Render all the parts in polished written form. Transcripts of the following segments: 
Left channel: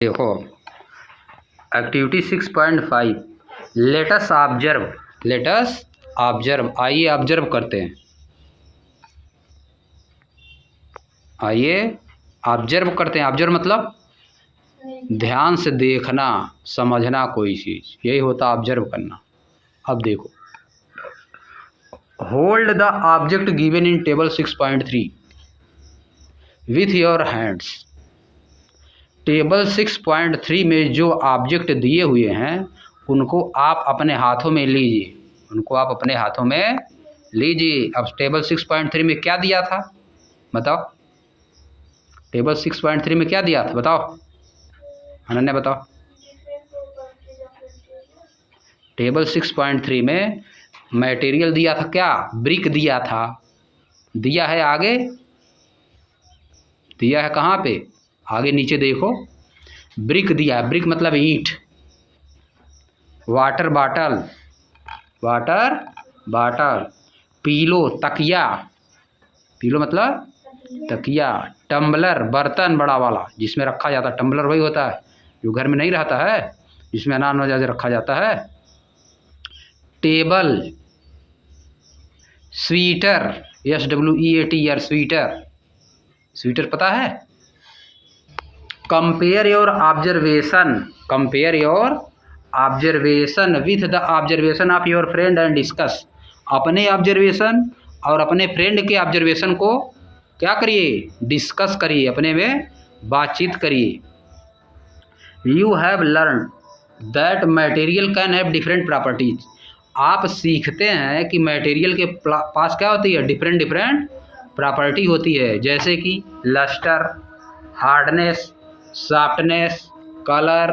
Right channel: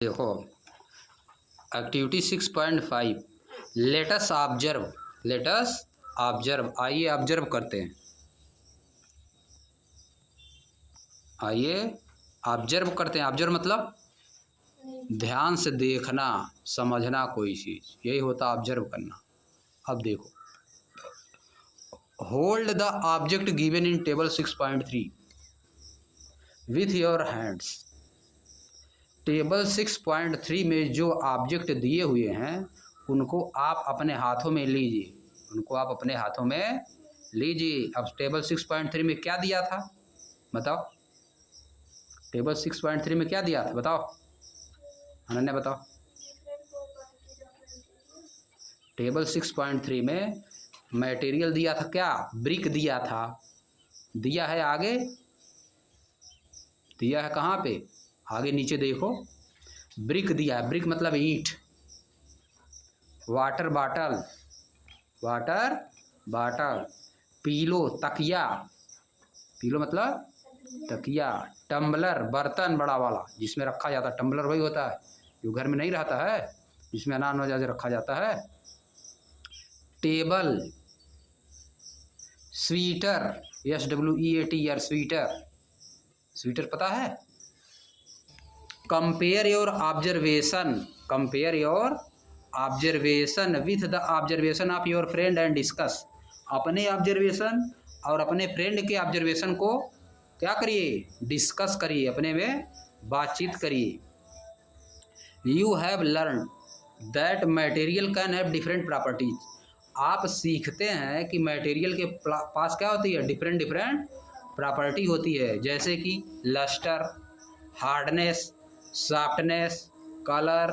देखो activity 6.5 latus observe आइए observe करते हैं। ऑब्जर्व मतलब ध्यान से देखना समझना कोई चीज़, यही होता ऑब्जर्व करना। अब देखो, hold the object given in table 6.3 with your hands. Table 6.3 में जो ऑब्जेक्ट दिए हुए हैं उनको आप अपने हाथों में लीजिए। अब टेबल 6.3 में क्या दिया था बताओ? टेबल 6.3 में क्या दिया था बताओ? अनन्या बताओ। टेबल 6.3 में मटेरियल दिया था क्या? ब्रिक दिया था। दिया है आगे, दिया है कहाँ पे? आगे नीचे देखो, ब्रिक दिया है। ब्रिक मतलब ईंट। वाटर बाटल, पीलो तकिया, पीलो मतलब तकिया, टम्बलर बर्तन बड़ा वाला जिसमें रखा जाता है। टम्बलर वही होता है जो घर में नहीं रहता है, जिसमें अनाज वनाज रखा जाता है। टेबल, स्वीटर, SWEATER स्वीटर पता है? Compare your observation with the observation of your friend and discuss. अपने ऑब्जर्वेशन और अपने फ्रेंड के ऑब्जर्वेशन को क्या करिए? डिस्कस करिए, अपने में बातचीत करिए। You have learn that material can have different properties. आप सीखते हैं कि मटेरियल के पास क्या होती है? डिफरेंट प्रॉपर्टी होती है, जैसे कि lustre, hardness, softness, colour.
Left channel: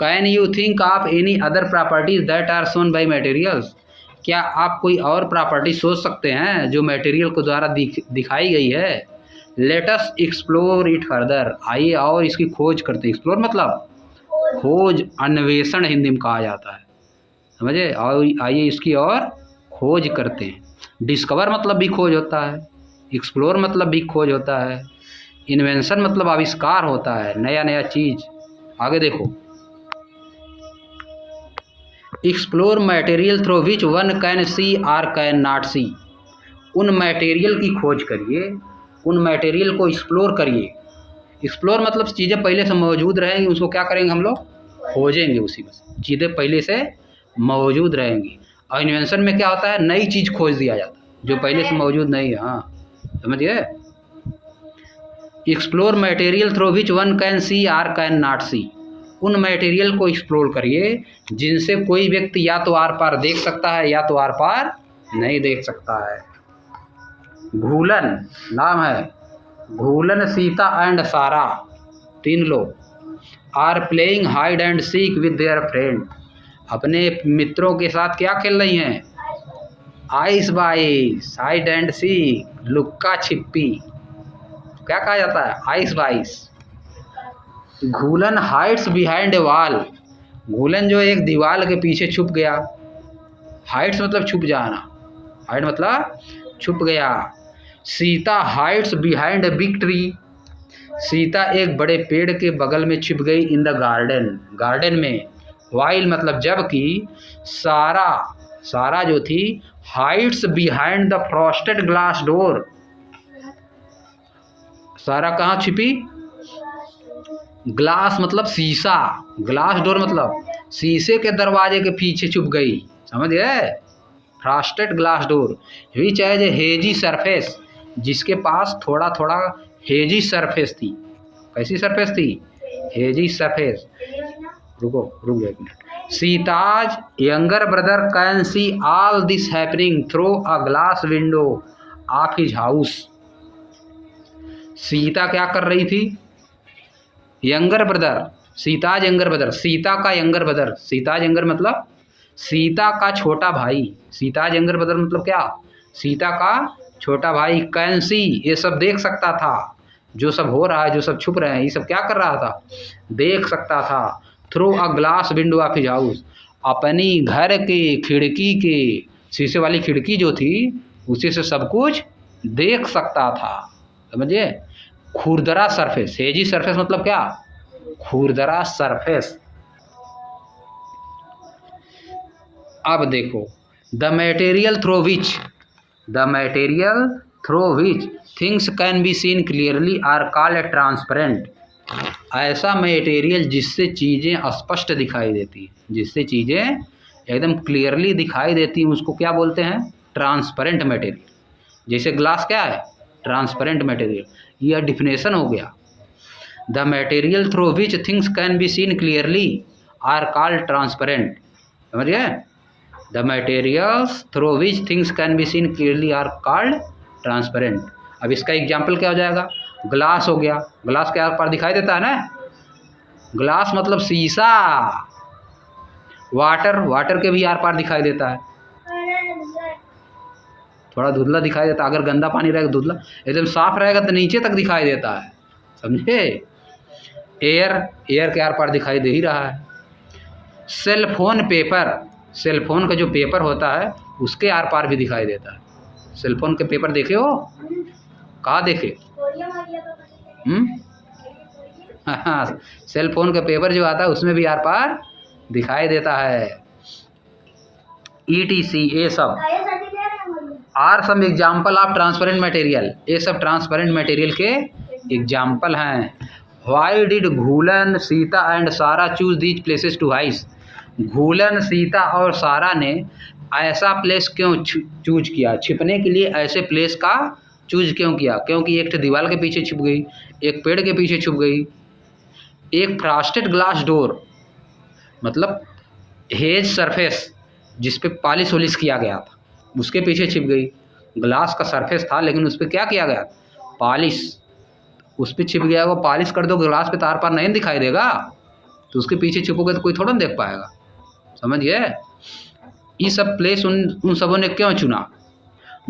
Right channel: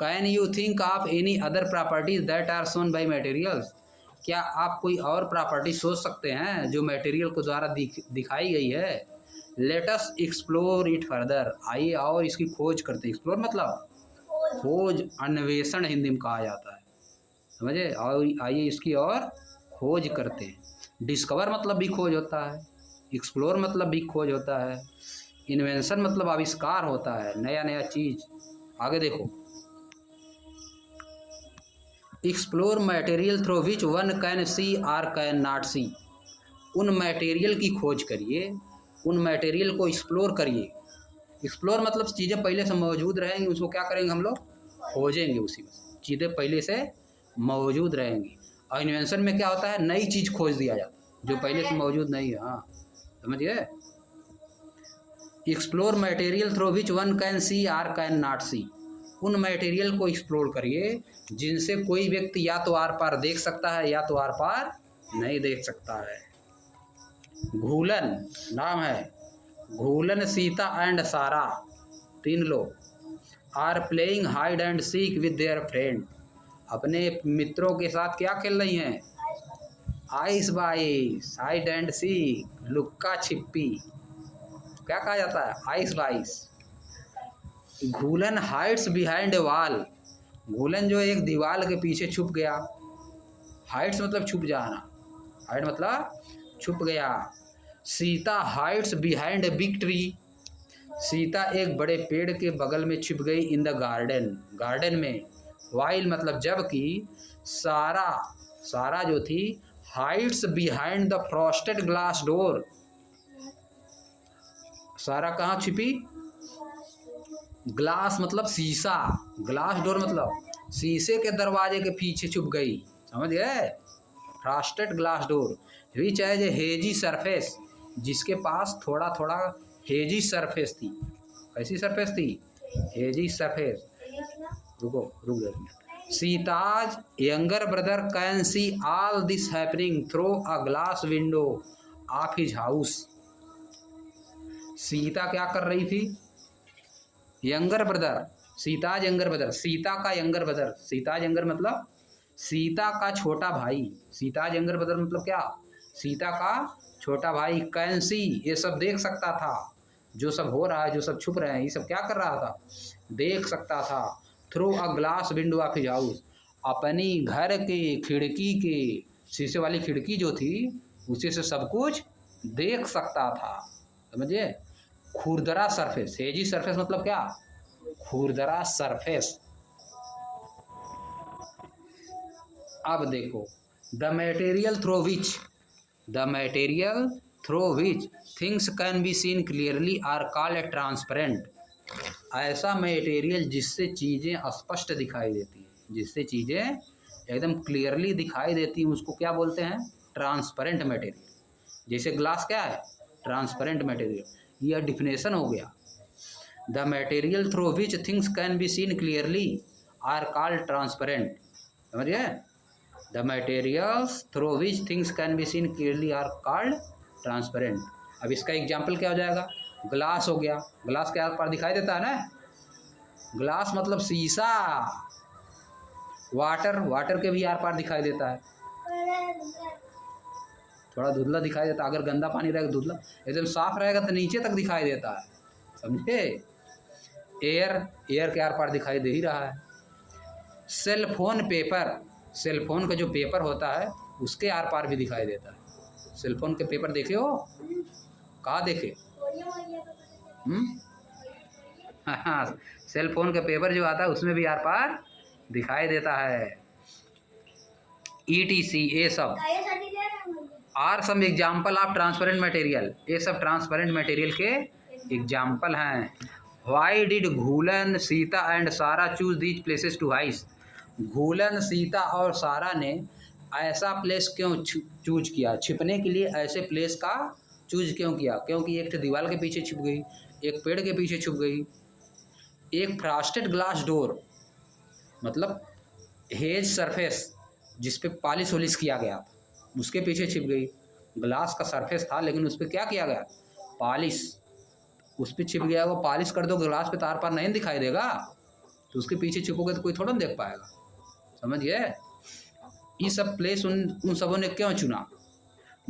Can you think of any other properties that are shown by materials. क्या आप कोई और प्रॉपर्टी सोच सकते हैं जो मटेरियल को द्वारा दिखाई गई है? Let us explore it further. आइए और इसकी खोज करते हैं। एक्सप्लोर मतलब खोज, अन्वेषण हिंदी में कहा जाता है, समझे? और आइए इसकी और खोज करते हैं। डिस्कवर मतलब भी खोज होता है, एक्सप्लोर मतलब भी खोज होता है, इन्वेंशन मतलब आविष्कार होता है, नया चीज। आगे देखो, explore material through which one can see or cannot see. उन मटेरियल की खोज करिए, उन मटेरियल को एक्सप्लोर करिए। एक्सप्लोर मतलब चीज़ें पहले से मौजूद रहेंगी, उसको क्या करेंगे हम लोग? खोजेंगे। उसी में चीज़ें पहले से मौजूद रहेंगी। और इन्वेंशन में क्या होता है? नई चीज़ खोज दिया जाता है जो पहले से मौजूद नहीं है। हाँ, समझिए। Explore material through which one can see or cannot see. उन मटेरियल को एक्सप्लोर करिए जिनसे कोई व्यक्ति या तो आर पार देख सकता है या तो आर पार नहीं देख सकता है। घूलन नाम है। घूलन, सीता एंड सारा, 3 लोग are playing hide and seek with their friend. अपने मित्रों के साथ क्या खेल रही हैं? आइस बाइस, हाइड एंड सीक, लुक्का छिपी। क्या कहा जाता है? आइस बाइस। घूलन हाइड्स बिहाइंड ए वॉल। घूलन जो एक दीवार के पीछे छुप गया। हाइड्स मतलब छुप जाना, हाइड मतलब छुप गया। Sita hides behind a big tree. Sita एक बड़े पेड़ के बगल में छिप गई। इन द गार्डन में। वाइल मतलब जबकि। सारा जो थी hides behind the frosted glass door. Sara कहाँ छिपी? ग्लास मतलब शीशा, ग्लास डोर मतलब शीशे के दरवाजे के पीछे छुप गई, समझ गए? Frosted glass door. Which has a hazy surface, जिसके पास थोड़ा थोड़ा हेजी सरफेस थी। कैसी सरफेस थी? Hazy surface. रुक जाओ एक minute. Sita's younger brother can see all this happening through a glass window of his house. Sita क्या कर रही थी? Younger brother, Sita's younger brother, Sita का यंगर ब्रदर। सीताज यंगर मतलब सीता का छोटा भाई। सीताज यंगर ब्रदर मतलब क्या? सीता का छोटा भाई। कैंसी ये सब देख सकता था, जो सब हो रहा है, जो सब छुप रहे हैं, ये सब क्या कर रहा था? देख सकता था। Through a glass window of his house, अपनी घर के खिड़की के शीशे वाली खिड़की जो थी उसी से सब कुछ देख सकता था, समझिए? खुरदरा सरफेस, हेजी सरफेस मतलब क्या? खुरदरा सरफेस। अब देखो, the material through which things can be seen clearly are called transparent. ऐसा मटेरियल जिससे चीज़ें स्पष्ट दिखाई देती, जिससे चीज़ें एकदम क्लियरली दिखाई देती, उसको क्या बोलते हैं? Transparent material. जैसे ग्लास क्या है? Transparent material. यह डिफिनेशन हो गया। The material through which things can be seen clearly are called transparent. समझिए? The materials through which things can be seen clearly are called transparent. अब इसका एग्जाम्पल क्या हो जाएगा? ग्लास हो गया। ग्लास के आर पार दिखाई देता है ना? ग्लास मतलब शीशा। वाटर के भी आर पार दिखाई देता है। थोड़ा धुंधला दिखाई देता है। अगर गंदा पानी रहेगा धुंधला, एकदम साफ रहेगा तो नीचे तक दिखाई देता है। समझे? एयर के आर पार दिखाई दे ही रहा है। सेलफोन का जो पेपर होता है उसके आर पार भी दिखाई देता है। सेलफोन के पेपर देखे हो? कहाँ देखे? हाँ, सेलफोन का पेपर जो आता है उसमें भी आर पार दिखाई देता है। ETC ये सब are some example of transparent material. ये सब ट्रांसपेरेंट मटेरियल के एग्जाम्पल हैं। Why did Ghoolan, Sita and Sara choose these places to hide. Ghoolan, Sita और सारा ने ऐसा प्लेस क्यों चूज किया? छिपने के लिए ऐसे प्लेस का चूज क्यों किया? क्योंकि एक दीवार के पीछे छुप गई, एक पेड़ के पीछे छुप गई, एक फ्रॉस्टेड ग्लास डोर मतलब हेज सरफेस जिस पे पॉलिश वॉलिश किया गया था उसके पीछे छिप गई। ग्लास का सरफेस था लेकिन उस पर क्या किया गया? पॉलिश। उस पर छिप गया। वो पॉलिश कर दो, ग्लास पे तार पार नहीं दिखाई देगा, तो उसके पीछे छुपोगे तो कोई थोड़ा देख पाएगा। समझ गए? ये सब प्लेस उन सबों ने क्यों चुना?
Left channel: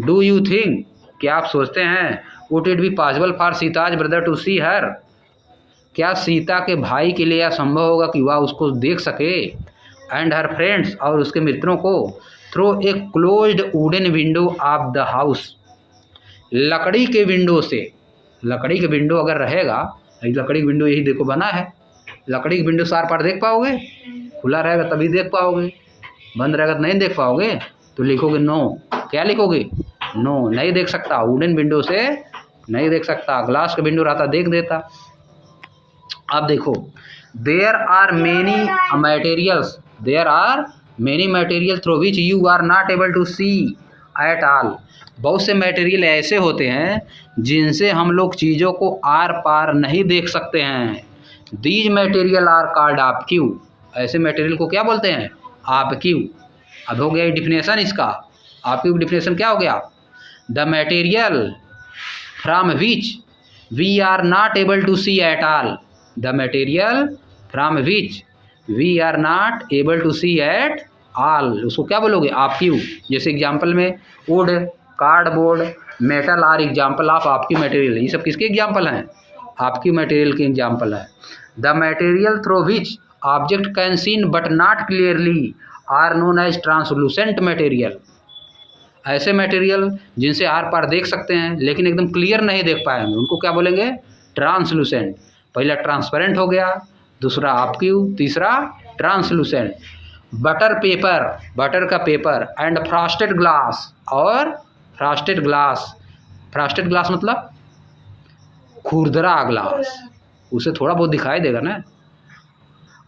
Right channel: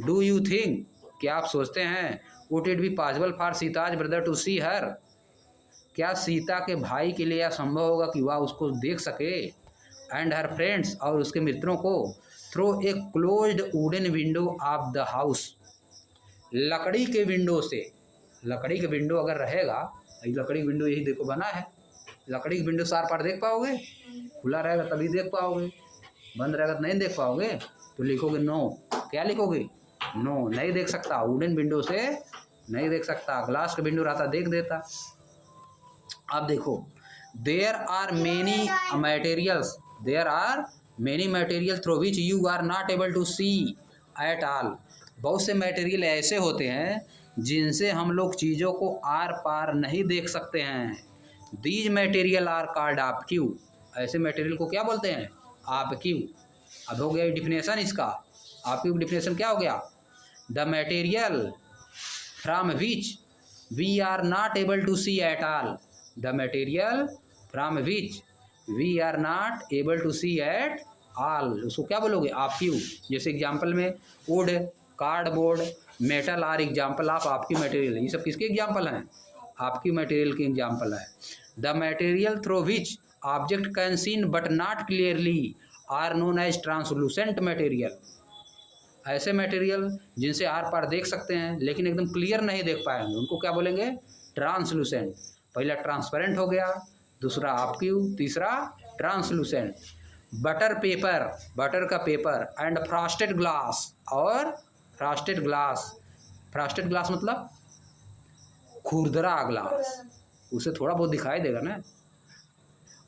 डू यू थिंक, क्या आप सोचते हैं, would it be possible for Sita's brother to see her, क्या सीता के भाई के लिए यह संभव होगा कि वह उसको देख सके? एंड हर फ्रेंड्स, और उसके मित्रों को, through a closed wooden window of the house, लकड़ी के विंडो से। लकड़ी के विंडो अगर रहेगा, लकड़ी की विंडो यही देखो बना है, लकड़ी की विंडो से आर पार देख पाओगे? खुला रहेगा तभी देख पाओगे, बंद रहेगा तो नहीं देख पाओगे। तो लिखोगे नो। क्या लिखोगे? नो, नहीं देख सकता। वुडन विंडो से नहीं देख सकता। ग्लास का विंडो रहता देख देता। अब देखो, there are many material through which you are not able to see at all. बहुत से मटेरियल ऐसे होते हैं जिनसे हम लोग चीज़ों को आर पार नहीं देख सकते हैं। These material are called opaque. ऐसे मटेरियल को क्या बोलते हैं? ऑब्क्यू। अब हो गया डिफिनेशन इसका। ऑब्क्यू की डिफिनेशन क्या हो गया? The material from which we are not able to see at all. The material from which we are not able to see at all, उसको क्या बोलोगे? ऑब्क्यू। जैसे एग्जाम्पल में wood, cardboard, metal are example of opaque material. ये सब किसके example हैं? Opaque material के एग्जाम्पल है। The material through which object can seen but not clearly are known as translucent material. ऐसे मटेरियल जिनसे आर पार देख सकते हैं लेकिन एकदम क्लियर नहीं देख पाएंगे, उनको क्या बोलेंगे? ट्रांसलूसेंट। पहला ट्रांसपेरेंट हो गया, दूसरा ऑब्क्यू, तीसरा ट्रांसलूसेंट। बटर का पेपर एंड फ्रॉस्टेड ग्लास, और फ्रॉस्टेड ग्लास मतलब खुरदरा ग्लास, उसे थोड़ा बहुत दिखाई देगा ना।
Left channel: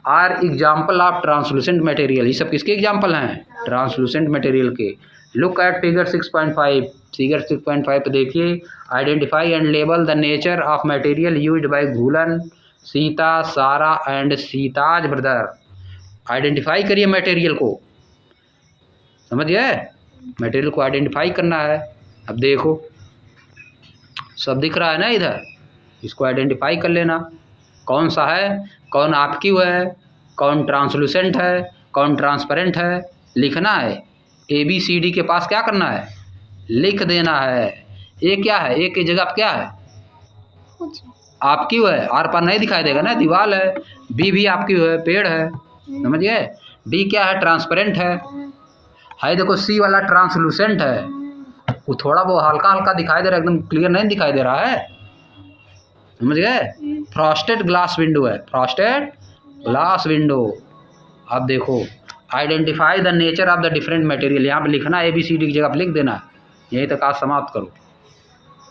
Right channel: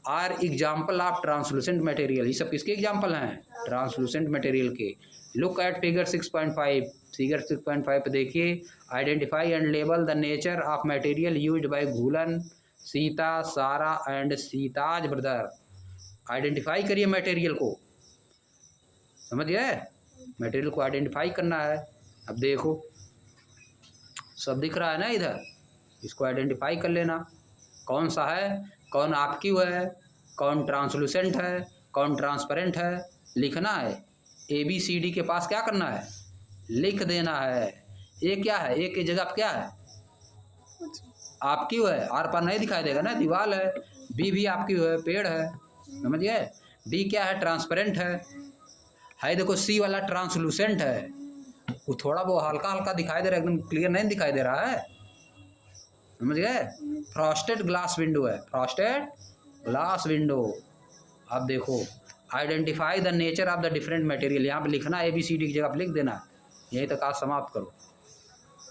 Are example of translucent material. ये सब किसके एग्जाम्पल हैं? ट्रांसलूसेंट मटेरियल के। Look at figure 6.5। फिगर 6.5 पे देखिए, identify and label the nature of material used by Ghoolan, Sita, Sara and Sita's brother. Identify करिए मटेरियल को। समझ गए? मटेरियल को आइडेंटिफाई करना है। अब देखो सब दिख रहा है ना इधर, इसको आइडेंटिफाई कर लेना कौन सा है, कौन ऑब्क्यू है, कौन ट्रांसलूसेंट है, कौन ट्रांसपेरेंट है। लिखना है। ABCD के पास क्या करना है? लिख देना है। ए क्या है? ए की जगह पे क्या है? ऑब्क्यू है, आर पार नहीं दिखाई देगा ना, दीवार है। बी भी ऑब्क्यू है, पेड़ है। समझ गए? डी क्या है? ट्रांसपेरेंट है। देखो सी वाला ट्रांसलूसेंट है, वो थोड़ा बहुत हल्का हल्का दिखाई दे रहा है, एकदम क्लियर नहीं दिखाई दे रहा है। समझ गए। फ्रॉस्टेड ग्लास विंडो है, फ्रॉस्टेड ग्लास विंडो। अब देखो, identify the nature of the different material, यहाँ पे लिखना ABCD की जगह पे लिख देना। यहीं तक आज समाप्त करो।